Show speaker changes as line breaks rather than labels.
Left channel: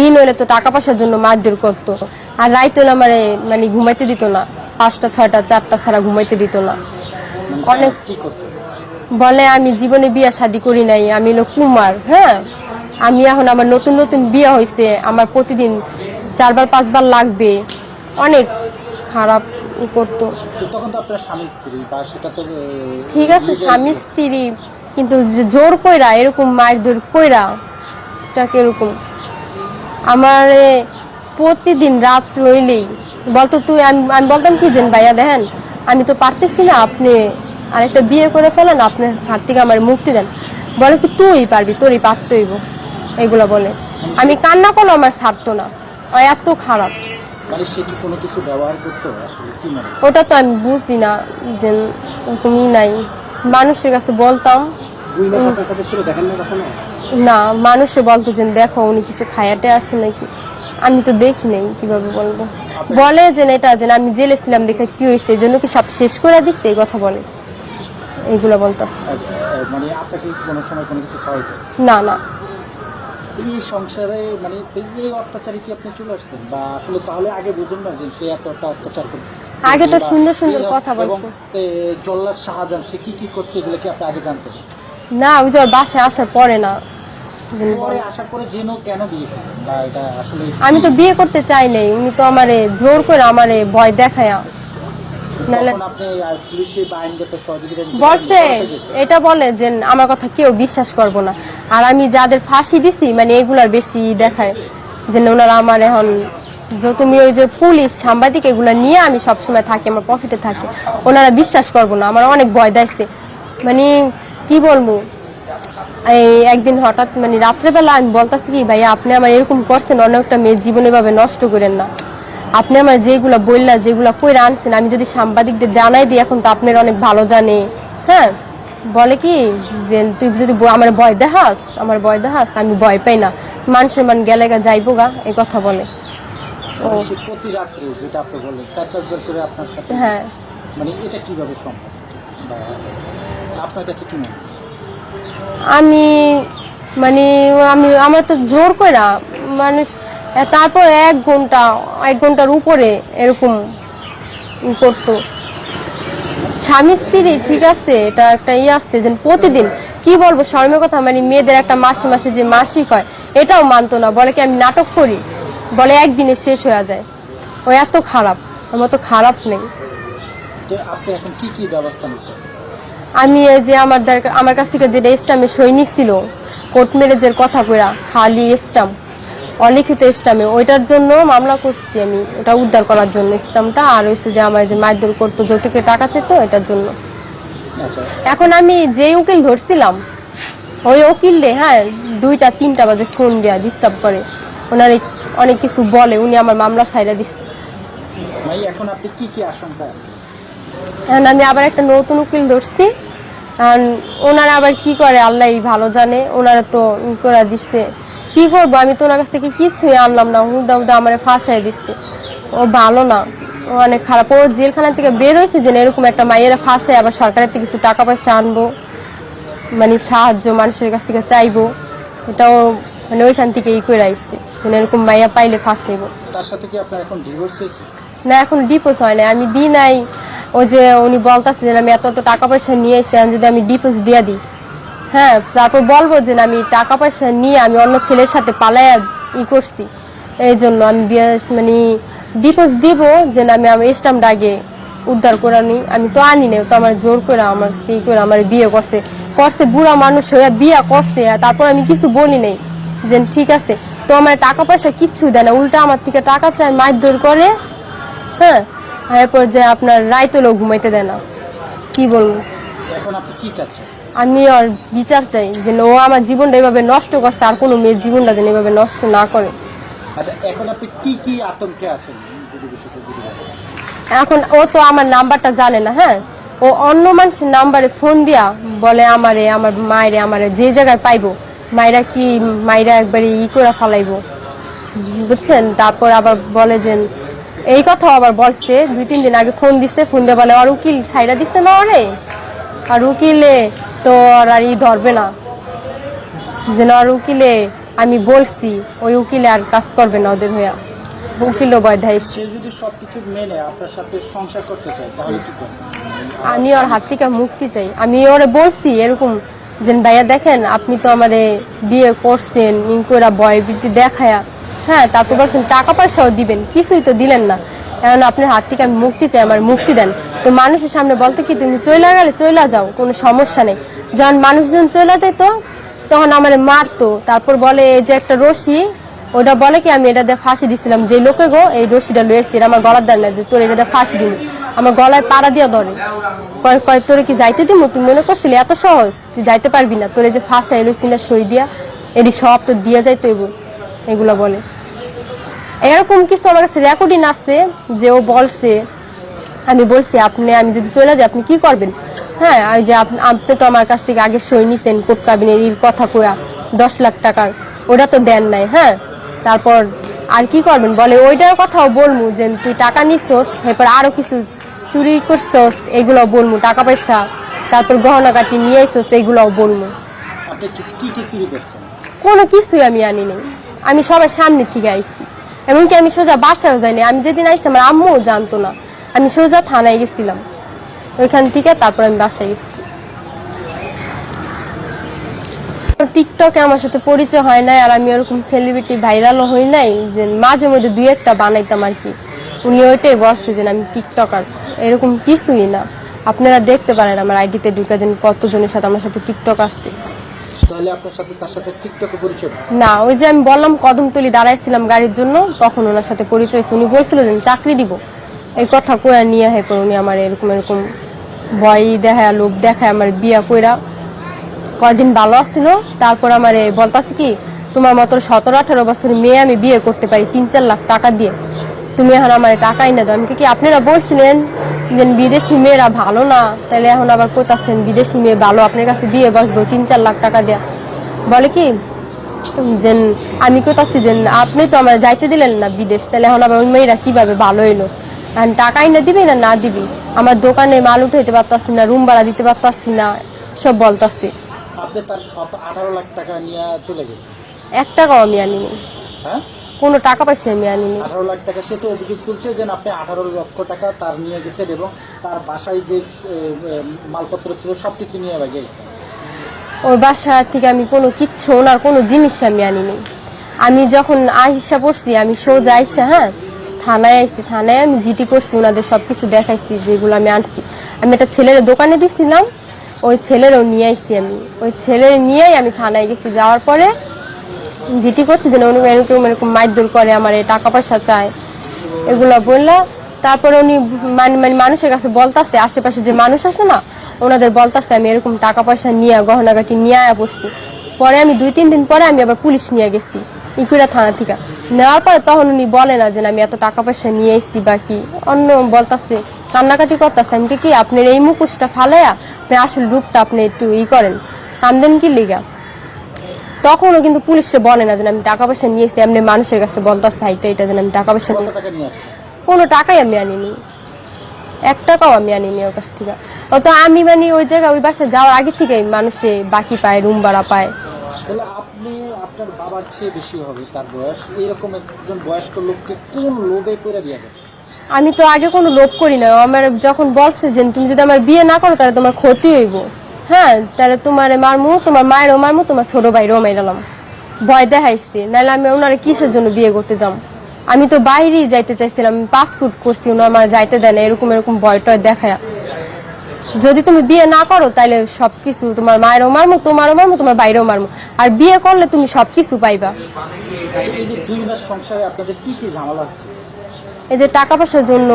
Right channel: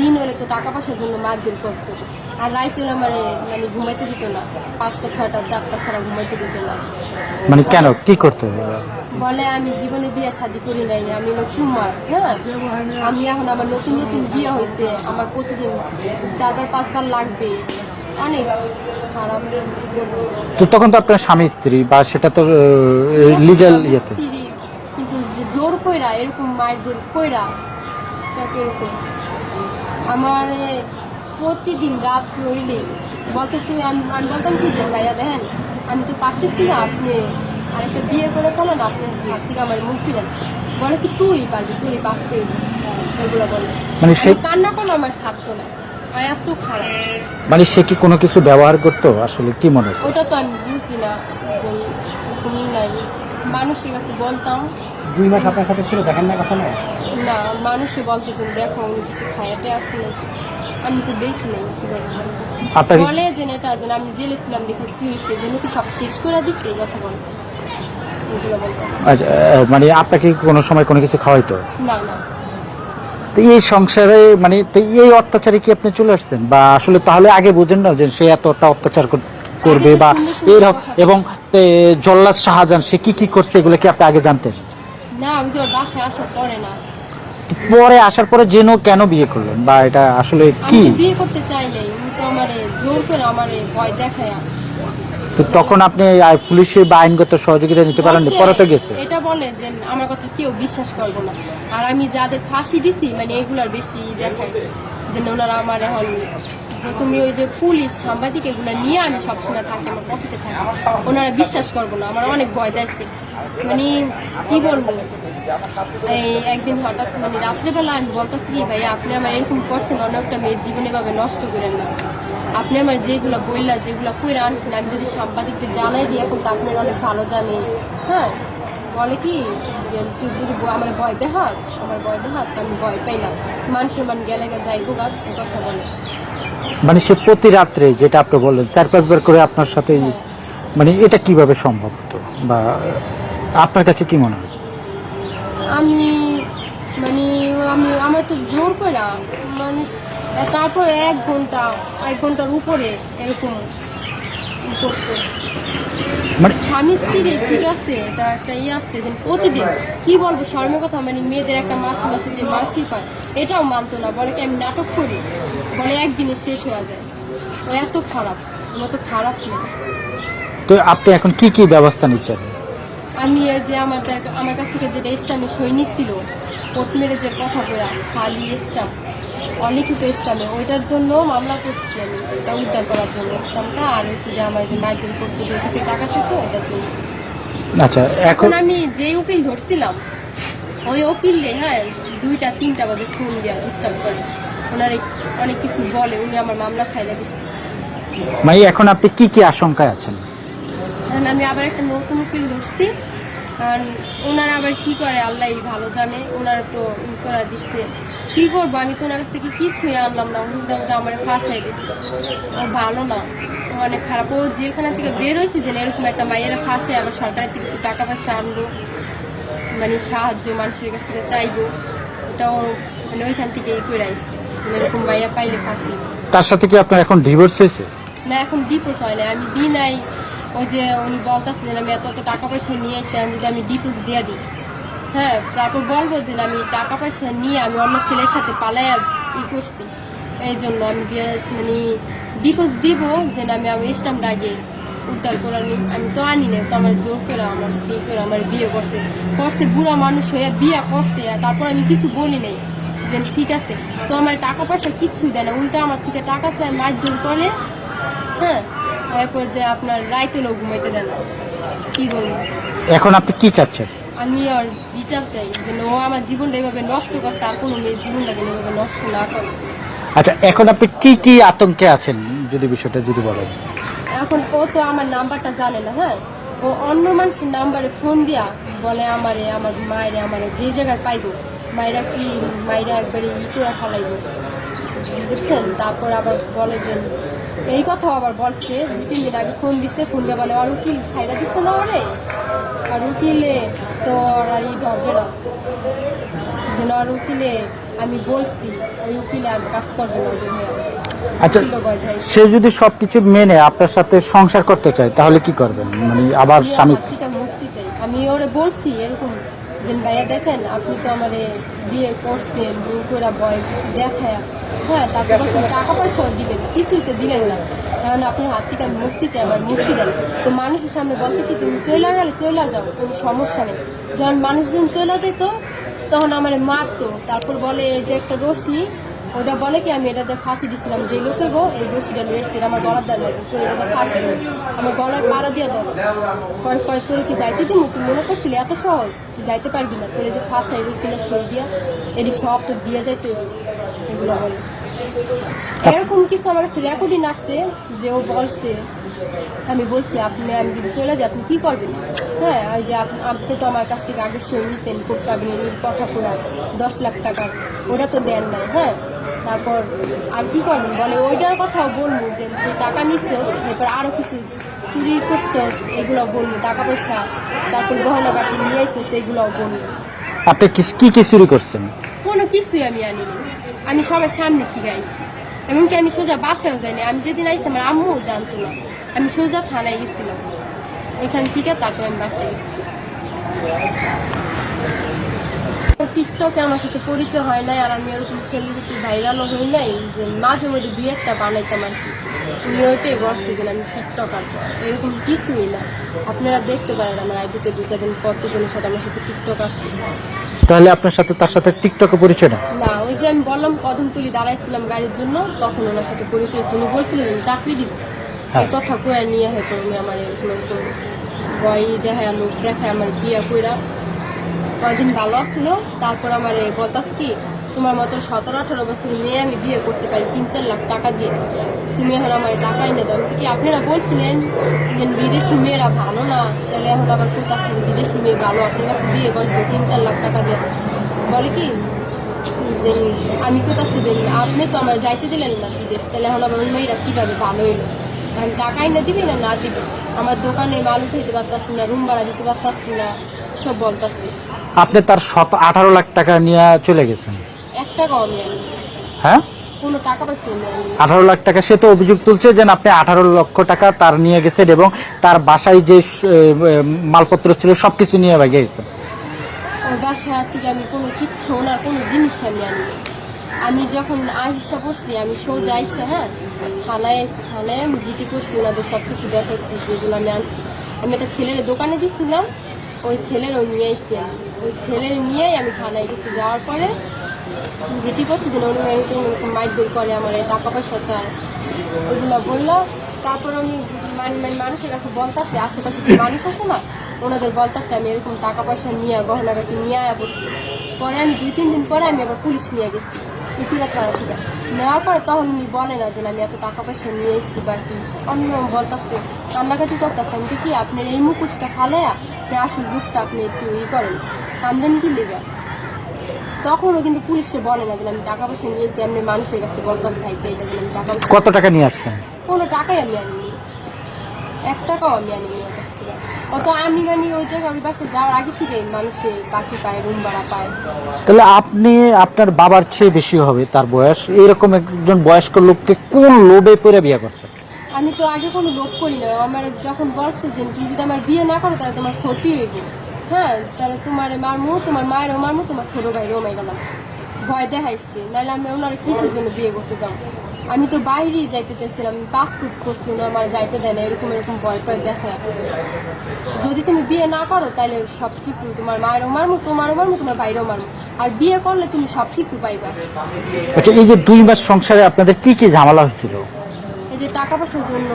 দিন হলে তো টাকা পয়সার জন্য মারধর করতো। আর রাইত হলে আমার মানে ঘুমাইতে দিত না। পাঁচটা ছয়টা চারটা ছাড়া ঘুমাইতে দিত না।
মানে কেন? কি করতে
বলে আমি জীবনে বিয়া শাদি করি নাই আমি হলো কুমার। হ্যাঁ? আমি এখন আমার নতুন নতুন বিয়ে হয়েছে আমার প্রতিদিন চারবার পাঁচবার লাগবে। অনেক খারাপ করতো।
তো তখন তো আপনার স্বামী স্ত্রী বা সেটা তো
স্বামী স্ত্রী কিন্তু জোর কইরা এরকম মায়ের মারধর কইরা এটা কীরকম আমার প্রতিদিন রাত রইলেই। বলতো তুই আমি আমি বলতাম কি যেন ভাইয়া দেখেন আমি তো পারতেছি না আপনি আরেকটা বিয়ে করে ফেলেন আপনার হাত থেকে আমার মুক্তি দেন। বলে কি তুই পারবি তোরই পারতে হইব। এগুলো বলে।
মানে
আমি কান্না করলে আমার ছাড়তো না। এত খারাপ।
মানে সে কি কোনো কিছু ব্যবহার করতো? আসলে কি মনে
ওটা তো আমি বুঝি না যে এরকমই নাই। মানুষের কাছে বলতাম।
দুই মাস আপনার সাথে ছিল দেখেন না কখনো?
না মানুষে বলতো যে দেখো উনি কিছু খায়াতে আসে নাকি? আমি তো দেখি নাই কীভাবে বলব। বলে যে এটা যে আমি জেলে ছিলাম দেখে কি হয়েছে এই জন্য কি সব শেষ করে দিচ্ছে এই কথা বলে। এগুলো বলতেছে।
আচ্ছা, মানে আপনাকে কি কোনো সময় কোনো কিছু খাওয়াইতো?
না না।
তো এই সংসারে মানে তো এই অত্যাচারে কি আপনি চলে আসছেন? বা আসলে তাহলে আগে বুঝেন না যে সে এতটা অত্যাচার করবে বা এবং জল্লাদ শাহজাহান সে কি কি করছে? এগুলো কি আপনি আগে জানতেন?
না ওই যে বাসায় আসার পরে না।
পরে আসার পরে জেনো কেন বিয়ে করলেন? বা এটা আসলে
আমি তো বিয়ে করতে চাই নাই উনি তো আমারে জোর করে আমারে ভয় দেখায়া।
তখন আপনি পুলিশের বা আইনগত সহযোগিতা নিতে পারেন গেছে।
এটা বলে যে আমার কথা কেউ বিশ্বাস করব না। আর আমি যাদের ফাঁসি দিছি মানে এগুলার বেশি দেখায় যে ওনারা আমার এখন যে তুমি ওই যে পুলিশ সাংবাদিক এগুলা নিয়ে আমি সবসময় থাকি আমার প্রফিটে থাকি ওনারা বিশ্বাস করব না আমার অনেক ভয় দেখছে মানে কি বলব? এই একদিন হঠাৎ মানে রাত্রেবেলা আমি বলতেছি কি ভাই আপনি আমার এরকম করছেন অনেকটা মেয়ের জীবনে ভাবে নষ্ট করেন না। আপনি আমার যেগুলা বললা যেগুলা কইরা আনছেন আমি যদি সাংবাদিকদের জানাই দিই এখন তো আপনার অনেক ভালো জানে। হ্যাঁ বলে কি যে তুই যদি আমার ভয় দেখাস আমার ভয় দেখাস আমি ভয় পাই না। মানুষের মান গেলে গা যাইবো গা এ কথা বলে।
মানে সে প্রতি রাত্রে যেটা আপনি বললেন চার পাঁচবার করে আপনার সাথে
হ্যাঁ।
মানে এটা কীভাবে সম্ভব? বা আপনার কাছে কি মনে হয়?
আমি মানে আমি আমার তো জোর কইরা মানুষ তারপর এক ঘণ্টা এক ঘণ্টার উপরে এরকম করতো।
মানে
স্বামী স্ত্রী ঠিক আছে এটা একটা ইয়ে আসছে যে প্রতিদিন কি বলব শর্মের কথা মানে মেয়েদের একটা মাসে মাসে যে মাসিক হয় এটাও মানতো না। বলে কি আমি নাটক করি? বলে একদিনে শেষ হয়ে যায়। ও এত খারাপ আমার তো খারাপ নেই।
তো আপনি এখন কি কি ব্যবস্থা নিচ্ছেন?
আমি এই যে আমার আমার কাছ থেকে যে স্টামে সই নিছিল কোর্ট ম্যারেজের কথা কইরা খালি স্টাম অলিখিত স্টামে ওইটার জন্য মামলা করছি আমি। ওটা উদ্ধার করার জন্য স্টামটা আর হচ্ছে যে আমার যে মারধর করতো যৌতুকের টাকা চেতো এটার জন্য।
আচ্ছা
এখন আমি যে উকিল ধরছিলাম ওই উকিল রে হ্যাঁ দুইটা তিনটা বাজে ফোন দেয়া ডিস্টার্ব করে। ওনার অনেক কিছু বলে উনি আমার মামলা সাইডা দিচ্ছে
মানে এখন আপনি কি কি আশঙ্কায় আছেন?
এখন আমি আবার একটা নতুন উকিল ধরছি। কারণ ওনারা আবার কি করে আল্লাহ ভালো জানে ওনারা তো ই করে দিচ্ছে কি করব? আমি তো ওনার কাছ থেকে কিছুই আনলাম না হুদা হুদা আমার ফাঁসাই দিচ্ছে ও ভালো না ও অনেক খারাপ। ও জেলখানা থেকে বের হয়েছে যে এরকম একটা মায়ের ফাঁসায় আবার সরকারের থেকে কিছু টাকা পয়সা আনব। মানে সাহায্য মানুষের কাছ থেকে চাইব। এটাও মানে ওইখান থেকে ই করে আসছে। মানে এরকম মাইয়া পাইলে ফাঁসাইবো।
তার সাথে কি আপনার এখন ডিভোর্স হয়েছে?
না এখন ডিপোজ হয় না আমি দিই নাই। ওই যে উনি বলতেছে যে আমি এত টাকা পয়সা নিয়ে আমি যদি আমি ডিপোজ দিয়ে দিই। হ্যাঁ তারপর বলব যে আমি টাকা পয়সা নিয়ে আমি অন্য ছেলের সাথে পালায় ই করছি। এই জন্য আমি মানে ডিপোজ দিব যে, না, আমি আমার স্টাম্প আগে উদ্ধার করে আনি। আমি তো আনি না তো আমার জোর করে আমার ই করে আমার বিয়ে করছে। করছে, বুড়া মানুষ হয়ে বিয়ে করছে তারপর আমি কিছু বলি নাই। যে, ঠিক আছে, তো আমার টাকা পয়সা কিচ্ছু দেয় না, উল্টা আমার থেকে টাকা চায়, মারধর করে। হ্যাঁ এরপর যে আপনার রাইতলেও ঘুমাইতে দেয় না। কি বলব?
এখন আপনি কি চাচ্ছেন?
আমি আর বিচার চাই যে ও আমার জীবনটা এভাবে নষ্ট করছে আর কোনো মেয়ের জীবনটা যেন এভাবে নষ্ট না করে।
আচ্ছা এখন আপনি কি কি আতঙ্কে আছেন যদি বিষয়টা যদি বলেন?
এখন ও তো আমার নাম্বারটা জানে না হ্যাঁ? ও অন্য মানুষের নাম্বারে ফোন দিয়া বলে আমারে আমার মায়েরে আমারে যে জায়গায় পাইবো মায়েরা কি মায়েরা একবারে ই করে ফালাইবো? বুঝছেন? তারপর আবার বলে যে এই কথা আবার বলছে দুই তিন দিন আগে ফোন দিছে ফোন দিয়ে বলে আর উকিল সাইডা দিছে না ওরে? আর উকিলে তো আর আর ই ধরবে না। যেন আর উকিলে আমি বলছি ওই উকিলে আর কাজ করবে না ওদের হইয়া।
আচ্ছা।
উকিলও ভয় দেয়।
সে যদি সবকিছু মেনে আপনার সাথে সংসার করতে চায় তাহলে কি করবেন? মানে আবার
আমি ওর হাত থেকে মুক্তি চাই। আমি ওরে বলছি এরকম যে ভাইয়া দেখেন আপনি তো আমারে বিয়ে করছেন ইনকোরা বয় বৃত্তি দেখায়া হ্যাঁ তারপর বলছেন টাকা পয়সাও দিবেন, কিছুই তো দিলেন না। কারণ আপনার হাত থেকে আমি মুক্তি চাই, আমার মুক্তি দেন। তো মানুষের সামনে বলতে কি, তুমি চলে গেলে চলে যাও, কোনো সমস্যা নেই। যখন মানুষজন চলে যেত তখন আমার মারতো। তারপর বলে, এই যে একটা রশি, ওটা বলে কি, আমি এটা দিয়ে ফাঁসি দিছিলাম। যে লোকে গো, এই রশিটা লয়ে এসছি আমার গলার দাঁড় নাই তোর এটা দিয়ে ফাঁসি দিবি। আমার গলায় পাড়া দিয়া ধরে। পরে তোরে কি যাইতে দিব তুই মনে করছিলি, এত সহজ? তুই যাইতে পারবি না। তোরে যে ফাঁসা এলো সিনা সই দিয়া, এটি সব তোর দিয়ে যাইতে হইব। এগুলো বলে। এরকম কিছু আমার কাছে রেকর্ডিং আসছে যে ও বলছে আমি বলছি আপনি আমি যদি চলে যাই আপনি কি করবেন? হ্যাঁ ওই যে আপ- আপনি তো আমার কাছ থেকে আগে সই নিছেন কোর্ট কাবিনের এর কথা কয়া দশ লাখ টাকার ওটা তো দেন নাই হ্যাঁ? তারপর আর কি করবেন? বলে ওইটার কথাও বলব যে তুই টাকা নিছোস এরপর আরও কিছু চুরি করছোস এগুলো বলব টাকা পয়সা তারপর গহনা কাটি নিয়ে এসোস এগুলোও বলব
আপনি কি- কি কি চুরি করছেন?
কোনো কিছুই আমি আনিনি আমি সবার সামনে থেকে আইছি এমনকি আমি সোজা বাসায়ও যাইনি। আমি যেদিন আইসি আমার আম্মুও জানতো না। আমি সোজা থানায় গেছিলাম। ওইখান থেকে তারপর আমি বাসায় গেছি। টিকটকে আমার সাথে পরিচয় হয় নাই, আর আমি ওরকম সেলিব্রিটি ভাইরালও হই নাই, যে মাঝে মধ্যে দুই একটা বানাইতাম আর কি। উনি ওইটাই বলছে যে আমি টিকটকার। এরকম কিছুই না। আপনারা দেখতে পারেন আমার আইডিতে ঢুকে যেন কতজনের সাথে আমার সাথে টিকটক আসছে।
তাহলে আপনার সাথে তার সাথে টিকটকে পরিচয় না
না ওই যে আমি বললাম কদমতলি দাঁড়াইছিলাম গাড়ির জন্য তখন ওনার সাথে পরিচয় হয়েছে। উনি বলছিল যে চাকরি দিব। এই কথা কইয়া নিয়ে হয় পর উনি আমার এরকম এরকম ভয় দেখায় লোক দেখায় আমার বিয়া কইরা কয়দিন ভালো আসছিল তারপর আমার বলতাছে কি তোমার মতো সতেরো আঠারো বছরের মেয়ে আমি বিয়ে করতে পারি তিন চার লাখ টাকা দিয়ে। তুমি এখন আমার টাকাই না দাও। আমি কি কি আপনারা বলছিলেন যে বিদেশি মেয়েরা ভালো না তাহলে এখন আবার কোথাছেন বিদেশি মেয়ে ভালো আপনার কাছে বিয়ে বসবো তিন চার লাখ টাকা দিয়ে। বলে কি? যে আমি কোথাছি যে আপনি তো আমার যাইতে দিলেন না বিদেশ তাহলে এখন আবার ওই মেয়েরা কীভাবে ভালো এলো আর টাকাই না দিবি না না দিবি? আমার দোকানে মাল উঠাইতে পারতাছি না রুম ভাড়া দিতে পারতাছি না সব বলতাছি।
আপনি তার শত আঠারো লাখ টাকা নিয়ে চলে গেছেন।
এক টাকাও আমি আনিনি।
হ্যাঁ?
কোনো টাকা পয়সা আমি আনিনি
আঠারো লাখ টাকা। সে তো অভিযোগ তুলছে যে আপনি আঠারো লক্ষ টাকা তার নিয়ে গেছেন এবং তার বাসায় যে মালপত্র ছিল সবকিছু নিয়ে ভাগে গেছে।
ওর বাসা থেকে আমি কোনো কিচ্ছু ওনার কোনো জিনিস আমি আনিনি আমি যখন আহিসা পড়ছি আমি সোজা আইসা হ্যাঁ? থানায় আইসি থানায় আমি জিটি করছি ওনাদের সব কিছু দেখাইছি যেগুলো আমি আনছি। আমি একটা ছেলের দোকানে দিছিলাম ওই ছেলেরও নিয়ে আসছি আমি। ওই ছেলের নিয়েই আমি থানায় গেছি। যাওয়ার পরে জিটি করছি যে না, উনি এরকম এরকম মাইদুল করে আমার টাকা পয়সা চায়। এগুলো বলল। তারপরে উনি মানে মানে মানুষের কাছে বলতাছে আশেপাশে যে মানুষ আছে না ওনাদের বলতাছে আমি এরকম টাকা পয়সা নিয়ে গহনাগাটি নিয়ে আয়া বসছি। পরে আমি দুই তিন দিন পরে আমি আবার পুলিশ নিয়ে গেছি ইকুরা থানা থেকে। নেওয়ার পরে তখন উনি বলে না যে আমি এত টাকা পয়সা নিয়ে এসেছি বা কি? অন্য বলতাছে কান্নাকাটি করতেছে। আমি কি আপনার এই মুখোশটা ফালাইয়া আপনার আসল রূপটা আপনি একটু ই করেন। কামদেন কি লিগা? তখনও কিন্তু পুলিশে বলে না যে আমি টাকা পয়সা নিয়েছি এমনি মানুষের কাছে বলতাছে হাইটা এটা যেন আমি টাকা পয়সা
কত টাকা নিয়ে আসছেন?
কোনো টাকাই আমি আনিনি। এক টাকাও আমি আনিনি ওর কাছ থেকে। ও তো আমি মানে ওই জায়গায় ওই বাসায় যাওয়ার আগে থেকে মানুষে বাকি পায় রুম ভাড়া পায়।
তাহলে আপনি আপনার বাবার চেয়ে বেশি হবে তার বয়স। এরকম একজন বয়স্ক লোককে কোন লোভে পড়ে বিয়ে করছে?
আমি তো আগে কোনো লোভ করি না। আমার যখন বলছে যে তুমি যদি আমার বিয়ে না করো তাহলে তোমার ক্ষতি হইব। হ্যাঁ তাহলে তোমার মারমু তোমার মায়েরও মারমু তোমার ছোট ভাইরও মাইরালাম ভয় দেখাইছে। নাহলে আমি ওনারা কিসের জন্য বিয়ে করতে যাম? আমি তো বাইরেই যাইতে চাইছিলাম পাসপোর্ট করছি ওনার আমার যাইতে দেয় না এরকম এরকম ভয় টয় দেখায়। যদি তুমি বিয়ে না করো তাহলে সবকিছু তোমার মায়েরও মারমু তোমারও মারমু তোমার বাইরেও মারমু। আর বিয়ে করলে তুমি সবকিছু পাইবা।
আচ্ছা এই যে দুই মাস সংসারে আপনাদের কি কি ঝামেলা হয়েছিল?
এই যে টাকা পয়সার জন্য